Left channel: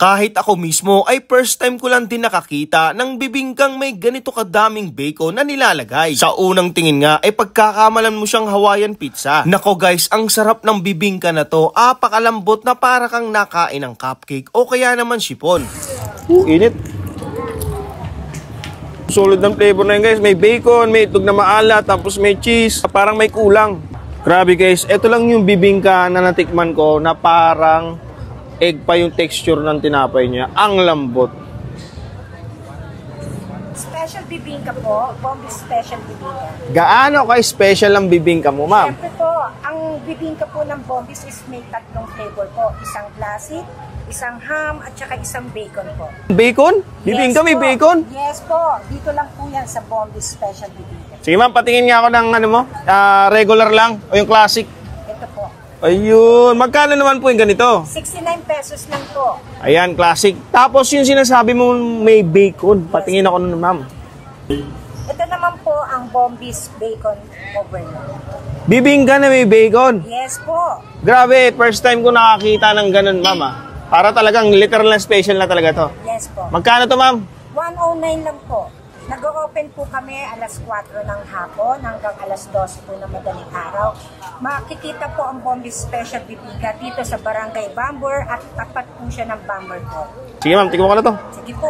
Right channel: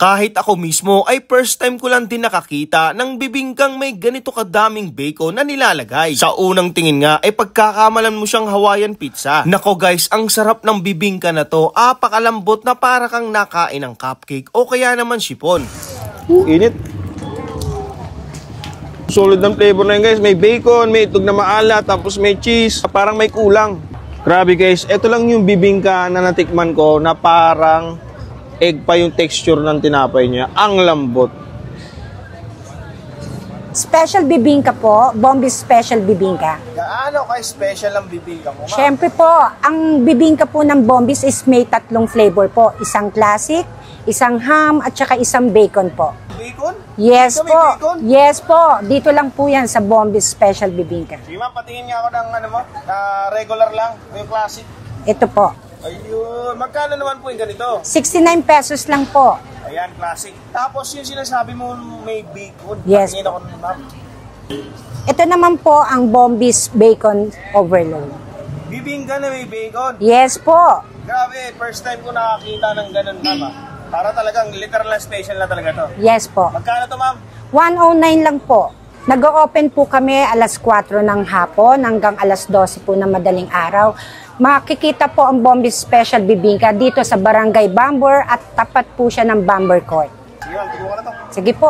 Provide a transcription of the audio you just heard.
Kahit ako mismo ay first time ko lang din nakakita ng bibingkang may ganito kadaming bacon na nilalagay. Sa unang tingin nga ay pagkakamalan mo siyang Hawaiian pizza. Nako guys, ang sarap ng bibingka na to, apakalambot na para kang nakain ng cupcake o kaya naman sipon. Init. Solid ng flavor na yun guys. May bacon, may itlog na maalat, tapos may cheese. Parang may kulang. Grabe guys, ito lang yung bibingka na natikman ko na parang egg pa yung texture ng tinapay niya. Ang lambot. Special bibingka po, Bombi's Special Bibingka. Gaano ka-special ang bibingka mo, ma'am? Siyempre po, ang bibingka po ng Bombi's is may 3 flavor po. Isang classic, isang ham, at saka isang bacon po. Bacon? Yes Bibingka po. may bacon? Yes po. Dito lang po yan sa Bombi's Special Bibingka. Sige ma'am, patingin nga ako ng ano mo, regular lang o yung classic. Ito po. Ayun, magkano naman po yung ganito? 69 pesos lang po. Ayan, classic. Tapos yung sinasabi mo may bacon. Yes. Patingin ako nun, ma'am. Ito naman po ang Bombi's Bacon Overload. Bibingka na may bacon. Yes po. Grabe, first time ko nakakita ng ganun, ma'am. Para talagang literal na special na talaga to. Yes po. Magkano to, ma'am? 109 lang po. Nag-o-open po kami alas 4 ng hapon hanggang alas 12 po ng madaling araw. Makikita po ang Bombi's Special Bibingka dito sa Barangay Bambor at tapat po siya ng Bambor Court. Sige ma'am, tingnan ko na to. Sige po.